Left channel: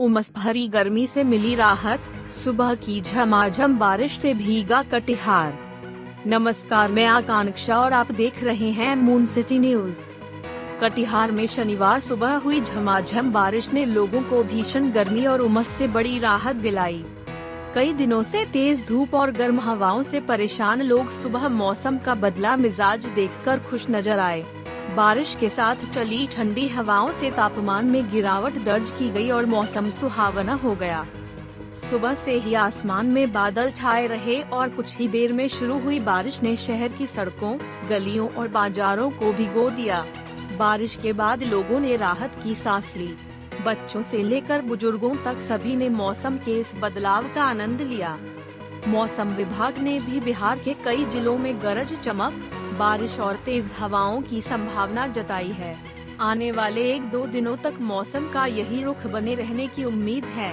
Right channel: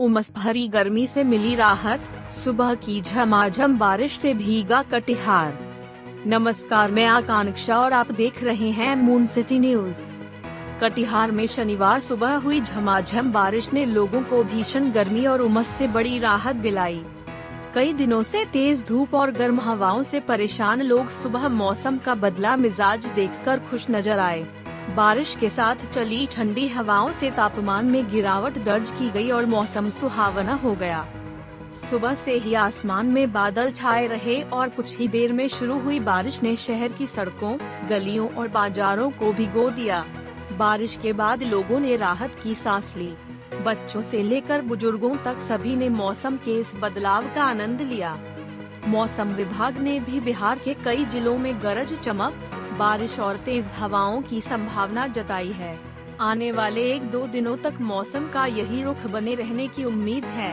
उमस भरी गर्मी से मिली राहत, सुबह की झमाझम बारिश से भीगा कटिहार। नमस्कार, मैं आकांक्षा और आप देख रहे हैं मून सिटी न्यूज। कटिहार में शनिवार सुबह हुई झमाझम बारिश ने लोगों को भीषण गर्मी और उमस से बड़ी राहत दिलाई। कई दिनों से तेज धूप और गर्म हवाओं से परेशान लोग सुबह मौसम का बदला मिजाज देखकर खुश नजर आए। बारिश के साथ चली ठंडी हवाओं से तापमान में गिरावट दर्ज की गई और मौसम सुहावना हो गया। सुबह से ही आसमान में बादल छाए रहे और कुछ ही देर में शुरू हुई बारिश ने शहर की सड़कों, गलियों और बाजारों को भिगो दिया। बारिश के बाद लोगों ने राहत की सांस ली। बच्चों से लेकर बुजुर्गों तक सभी ने मौसम के इस बदलाव का आनंद लिया। मौसम विभाग ने भी बिहार के कई जिलों में गरज चमक, बारिश और तेज हवाओं की संभावना जताई है। आने वाले 1-2 दिनों तक मौसम का यही रुख बने रहने की उम्मीद है।